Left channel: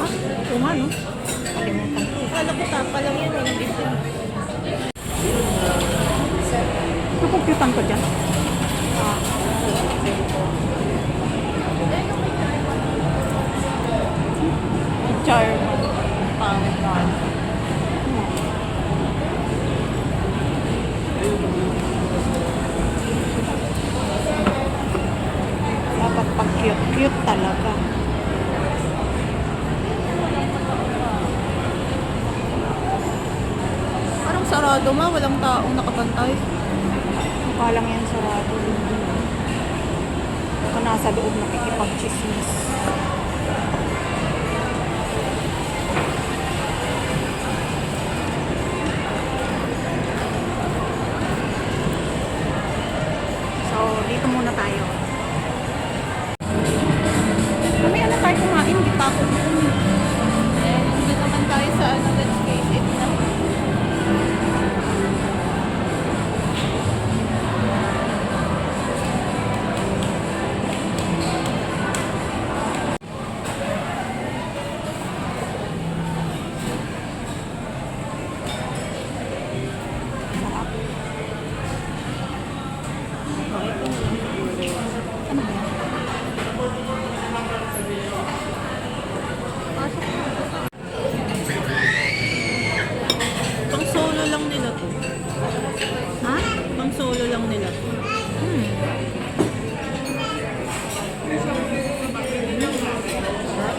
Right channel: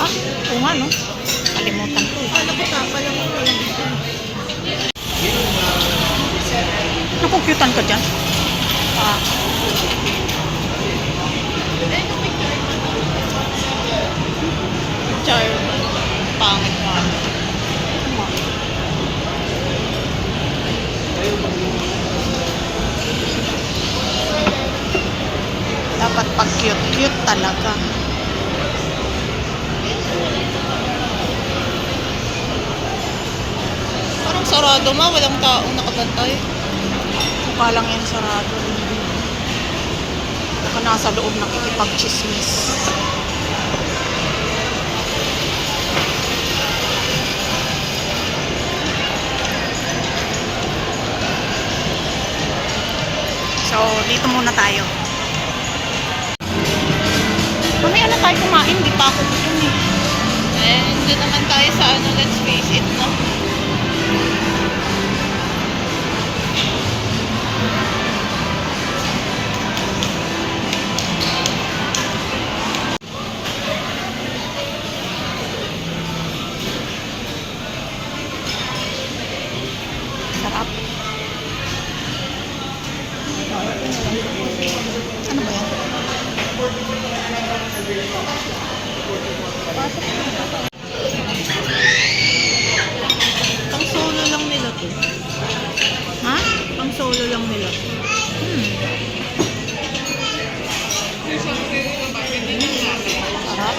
Ah, oo nga, no? Kalimutan ko. Nakomputan ka dyan? Ah. Char. Pangit pa. Dapat pag cute-cute talaga. Parang sarado ma, walang taong nakabantay. Mukha lang yan sarado. Baka nasa loob nakikipag-chismis. So, dito muna tayo. Mamaya na tayo kumain, di pa ako gutom eh. Eh, hindi naman tayo sa ano, let's face it, no? Sarap. Ano ba yan? Pang solo lang nila to. Ha? Pang solo lang nila to. Sarap.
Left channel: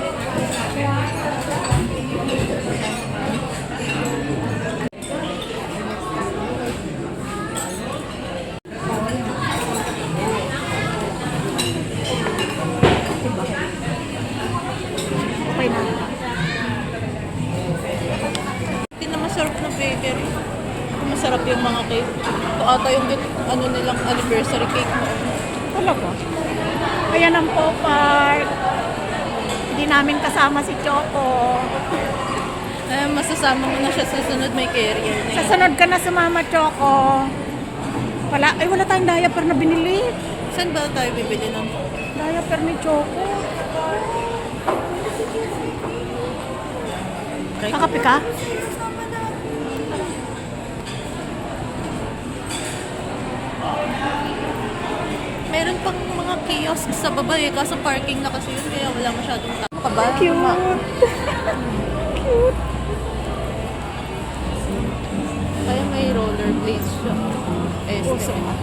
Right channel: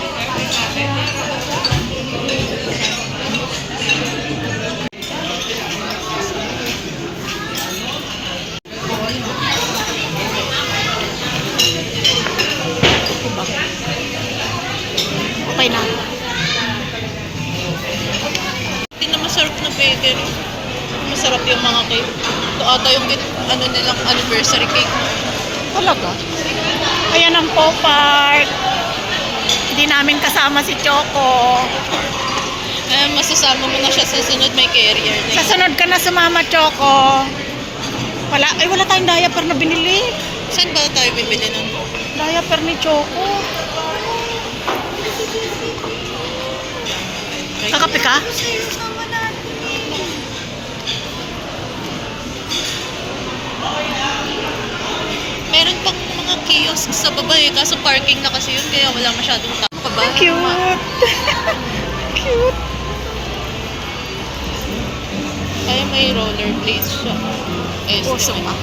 Diba? Okay na. Hindi na masarap na baker. Masarap yung mga cake. Ito ata yung ano nilang anniversary cake noon. Talaga? Ayan ang Park. Hindi namin kasama si Choco. Eh, masasama mo na siya sa sunod, may carrier na Sa yun. sunod ka na sumama, Choco. Wala tayong diaper na binili. Saan ba tayo bibili nun? Diaper ni Choco. Kakape ka? Meron pang mga kiosk sa baba eh, kaso parking na kasi yun, kaya wala masyadong tao. Kaba? Cute. Cute. Ay, may rollerblades siya. Eh, Puso sige. ka.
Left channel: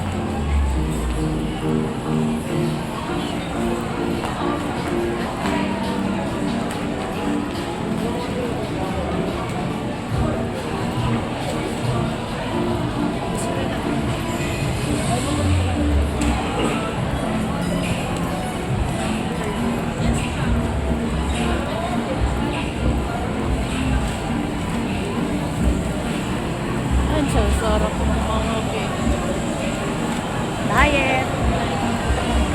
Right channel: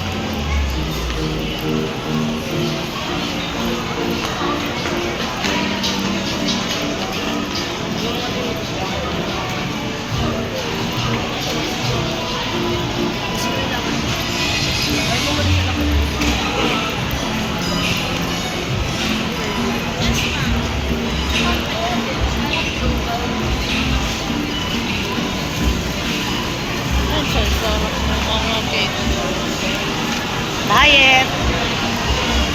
Ang sarap ng mga cake. Diet.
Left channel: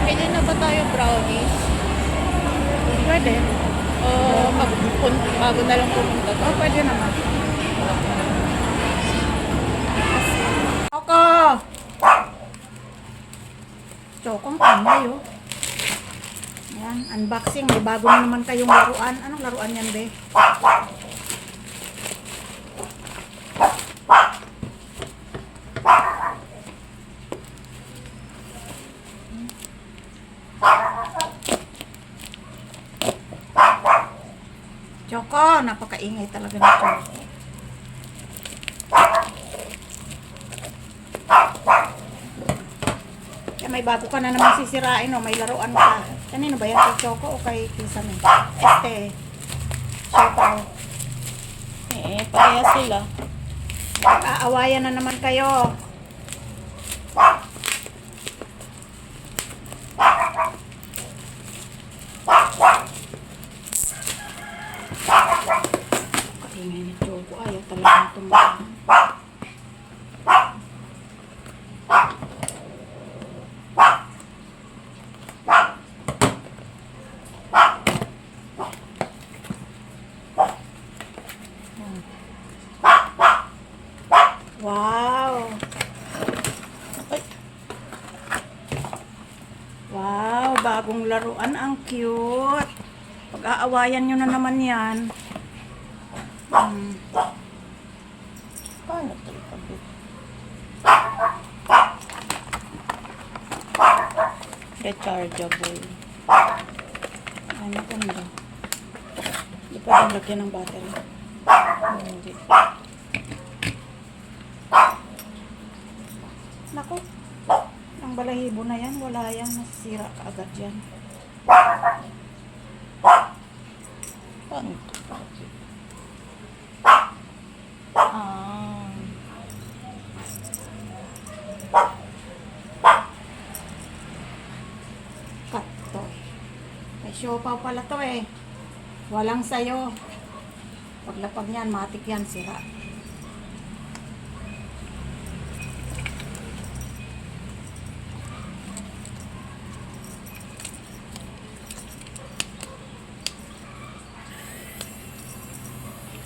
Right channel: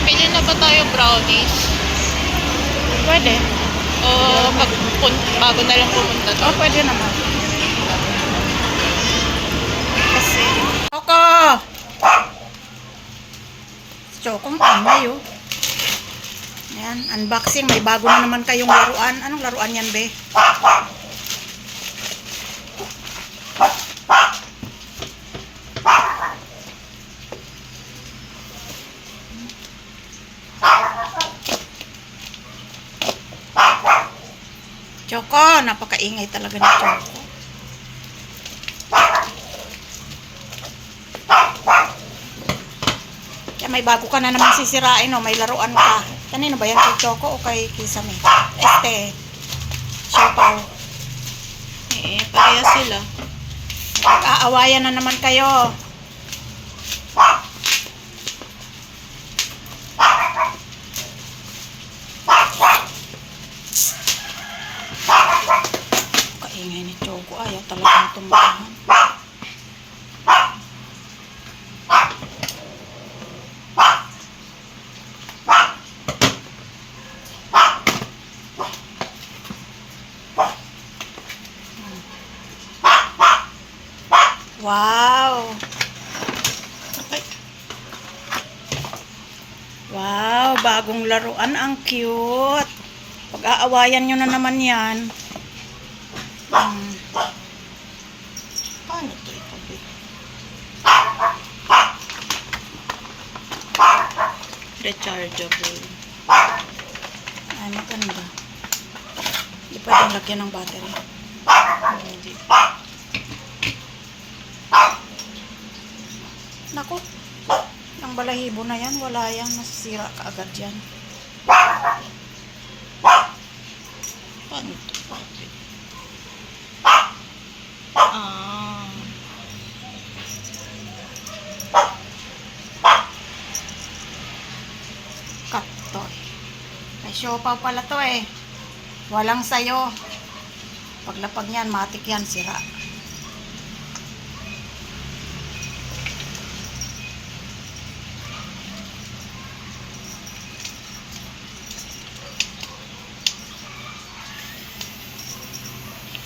Pili na ba tayo brownies? Pwede. O bago na lang pumunta to? Oh, pwede naman. Kasi... Choco! Choco, ang ingay oh. Ayan, unboxing. May bago na naman kayong laruan. Anong laruan yan, be? Choco, napakaingay talaga ni Choco. Kaya may bago ka na naman sisirain, oh. May laruan ka. Kanino ba yan? Kay Choco o kay Kisame? Siopaw. Eh, pareha sila. Mag-aawayan na naman kayo. Kaingay ni Choco. Ayaw talaga tumbahan. Wow! Ay. Wow! Bagong laruan. Ang cute! Pag Pag-aawayan nyo na naman yan. Paano ito itabi? Rechargeable. Ay, maganda. Hindi pwedeng lagyan ng battery. Hindi. Naku. Ang balahibo na yan, wala yan. Nasisira ka agad yan. Paano ito? Ah. Katoy. May siopaw pala to eh. Walang sayo. Paglapag niyan, matik yan, sira.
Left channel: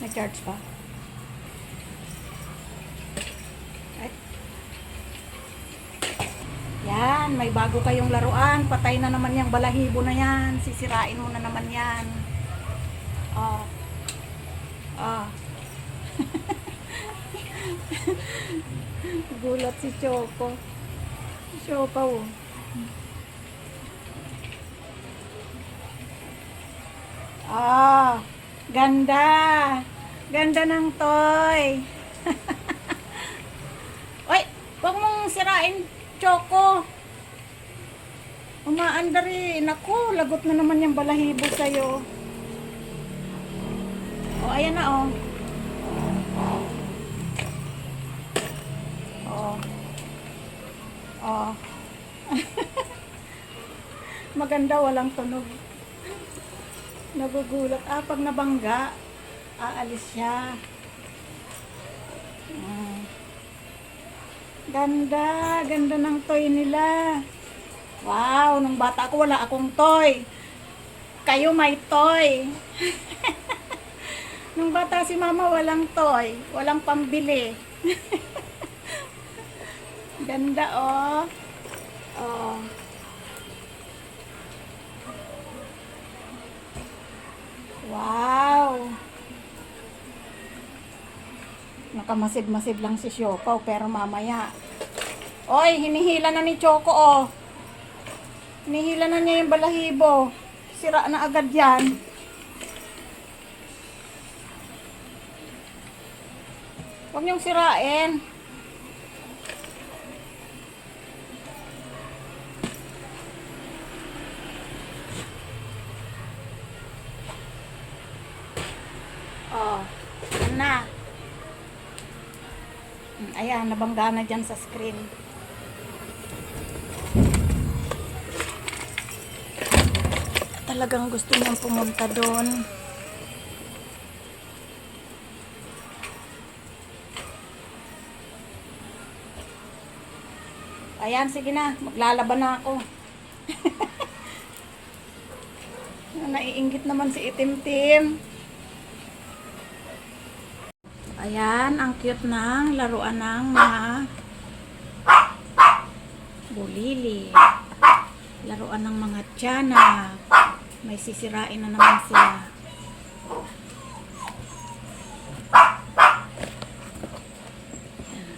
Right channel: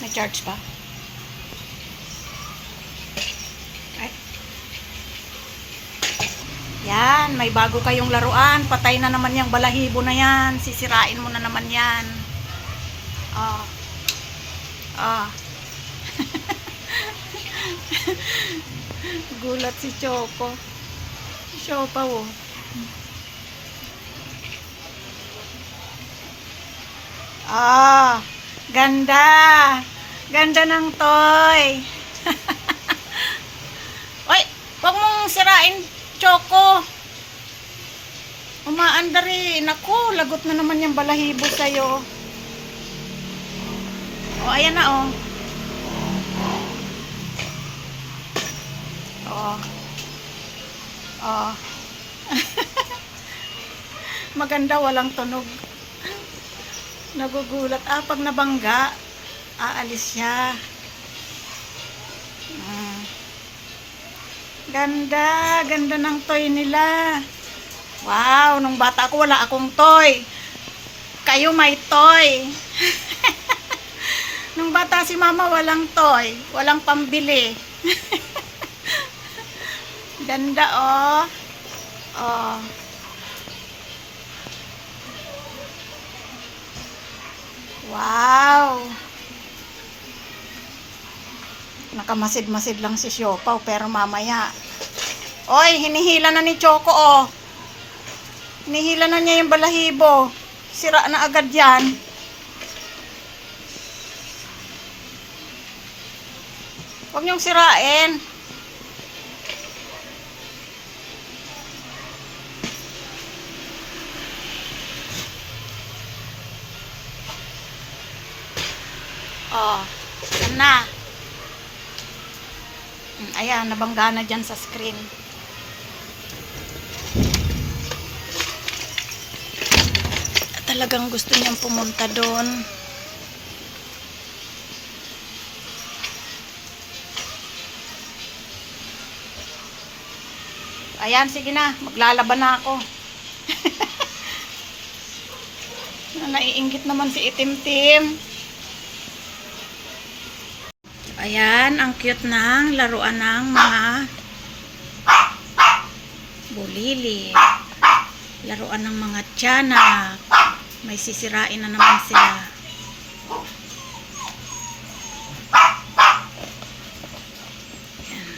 May charge pa? Ay. Yan, may bago kayong laruan. Patay na naman yung balahibo na yan. Sisirain mo na naman yan. Oh. Oh. Gulat si Choco. Siopaw oh. Ah, ganda. Ganda ng toy. Oy, wag mong sirain, Choco. Umaandar eh. Naku, lagot na naman yung balahibo sa'yo. O, ayan na oh. Oh. Oh. Maganda, walang tunog. Nagugulat. Ah, pag nabangga, aalis siya. Ganda. Ganda ng toy nila. Wow, nung bata ako, wala akong toy. Kayo may toy. Nung bata si mama, walang toy. Walang pambili. Ganda, oh. Oh. Wow. Nakamasid-masid lang si Siopaw, pero mamaya. Oy, hinihila na ni Choco, oh. Hinihila na niya yung balahibo. Sira na agad yan. Huwag niyong sirain. Oh, yan na. Ayan, nabangga na dyan sa screen. Talagang gusto niyang pumunta doon. Ayan, sige na. Maglalaban na ako. Naiinggit naman si Itim-Tim. Ayan, ang cute ng laruan ng mga bulili. Laruan ng mga tiyanak. May sisirain na naman sila. Ayan.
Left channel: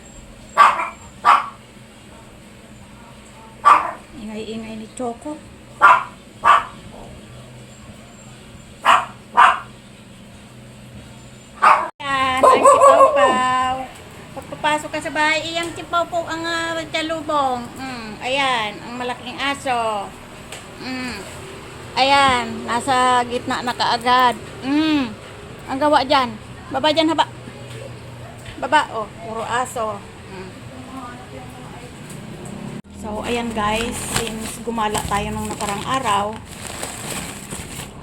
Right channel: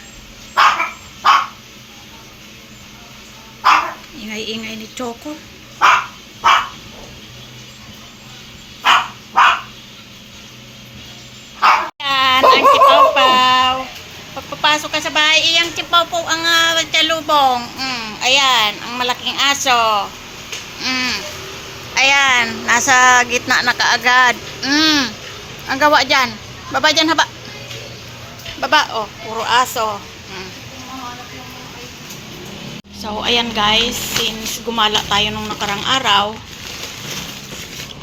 Ingay-ingay ni Choco. Ang Chipawpaw. Pagpapasok ka sa bahay, iyang Chipawpaw ang talubong. Ayan, ang malaking aso. Ayan, nasa gitna na kaagad. Ang gawa dyan. Baba dyan, haba. Baba, oh, puro aso. So, ayan guys, since gumala tayo nung nakarang araw,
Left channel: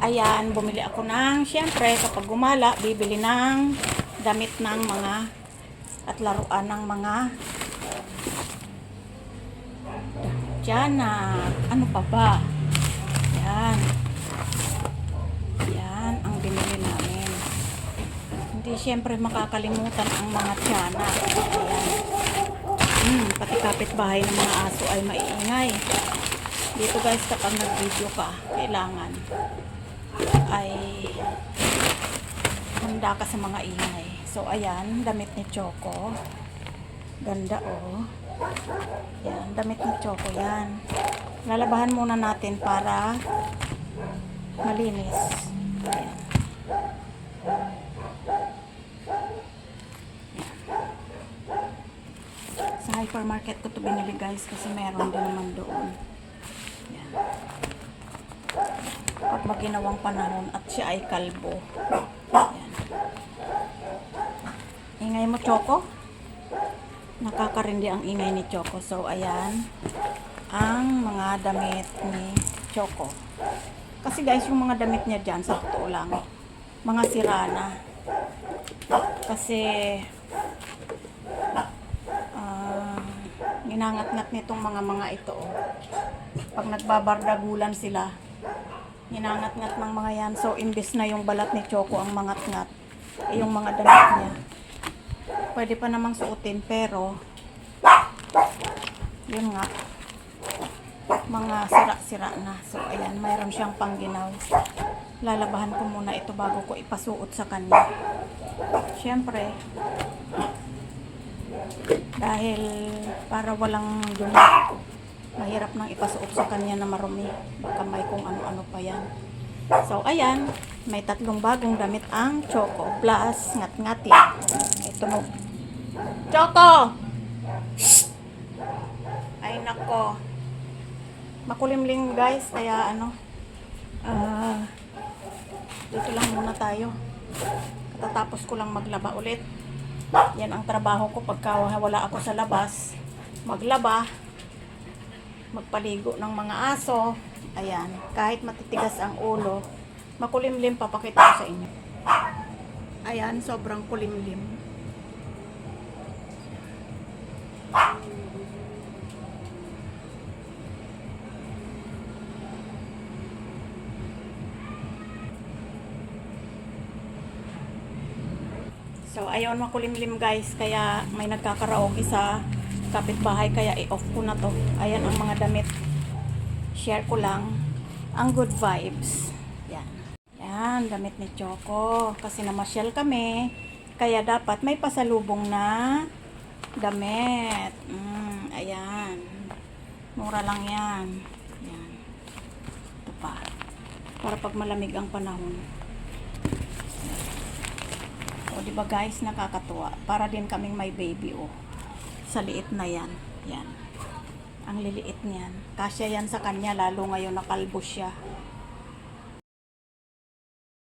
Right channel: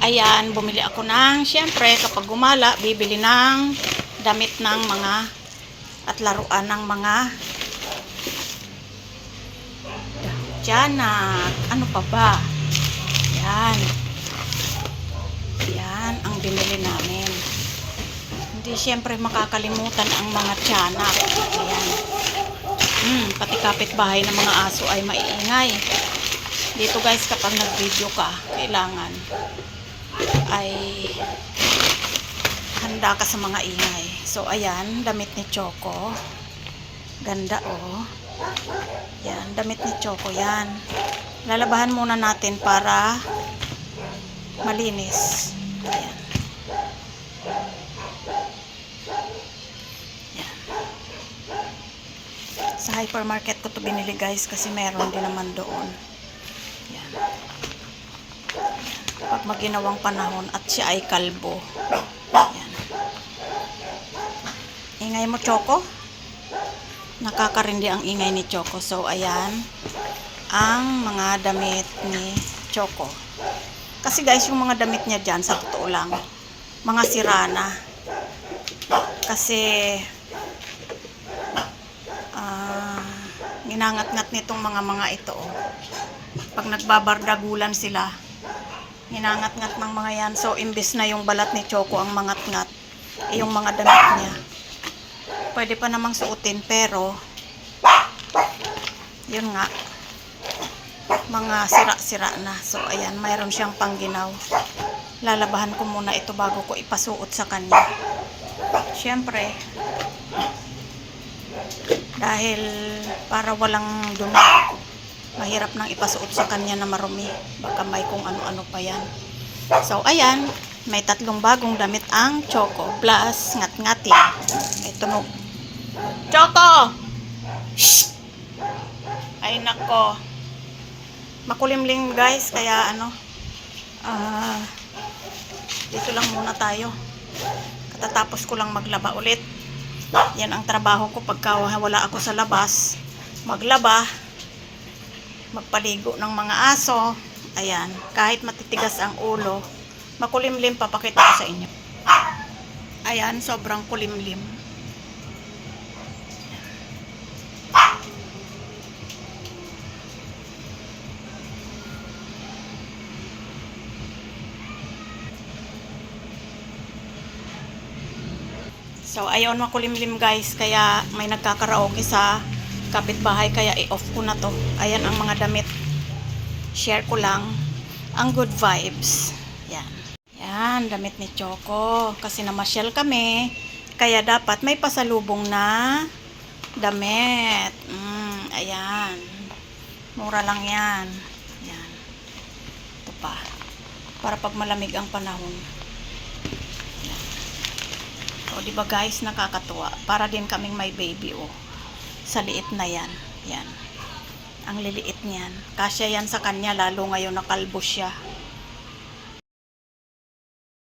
ayan, bumili ako ng, syempre, kapag gumala, bibili ng damit ng mga at laruan ng mga tiyanak. Ano pa ba? Yan. Yan ang binili namin. Hindi syempre makakalimutan ang mga tiyanak. Ayan. Pati kapitbahay ng mga aso ay maiingay. Dito guys, kapag nag-video ka, kailangan ay handa ka sa mga ingay. So, ayan, damit ni Choco. Ganda, oh. Yan, damit ni Choco, yan. Lalabahan muna natin para malinis. Ayan. Yan. Sa hypermarket ko to binili, guys, kasi meron din naman doon. Yan. Pag maginawang panahon at siya ay kalbo. Yan. Ingay mo, Choco. Nakakarindi ang ingay ni Choco. So, ayan ang mga damit ni Choco. Kasi guys, yung mga damit niya dyan, sa totoo lang, mga sira na. Kasi ginangat-ngat nitong mga ito. Pag nagbabardagulan sila, ginangat-ngat ng mga yan. So, imbis na yung balat ni Choco ang mangat-ngat, yung mga damit niya, pwede pa namang suotin, pero yun nga, mga sira-sira na. So, ayan, mayroon siyang pangginaw. Lalabahan ko muna ito bago ko ipasuot sa kanya. Siyempre, dahil para walang dumi, mahirap nang ipasuot sa kanya na marumi. Baka may kung ano-ano pa yan. So, ayan, may 3 bagong damit ang Choco. Plus, ngat-ngatin. May tunog. Choco! Shh! Ay, nako. Makulimlim, guys, kaya dito lang muna tayo. Katatapos ko lang maglaba ulit. Yan ang trabaho ko pagka wala ako sa labas. Maglaba, magpaligo ng mga aso. Ayan, kahit matitigas ang ulo, makulimlim, papakita ko sa inyo. Ayan, sobrang kulimlim. So, ayun, makulimlim, guys. Kaya may nagkakaraoke sa kapitbahay. Kaya i-off ko na to. Ayan ang mga damit. Share ko lang ang good vibes. Yan. Yan, damit ni Choco. Kasi namasyal kami. Kaya dapat may pasalubong na damit. Ayan. Mura lang yan. Yan. Ito pa. Para pag malamig ang panahon. O, diba guys, nakakatuwa. Para din kaming may baby, oh. Sa liit na yan. Yan. Ang liliit niyan. Kasya yan sa kanya, lalo ngayon nakalbo siya.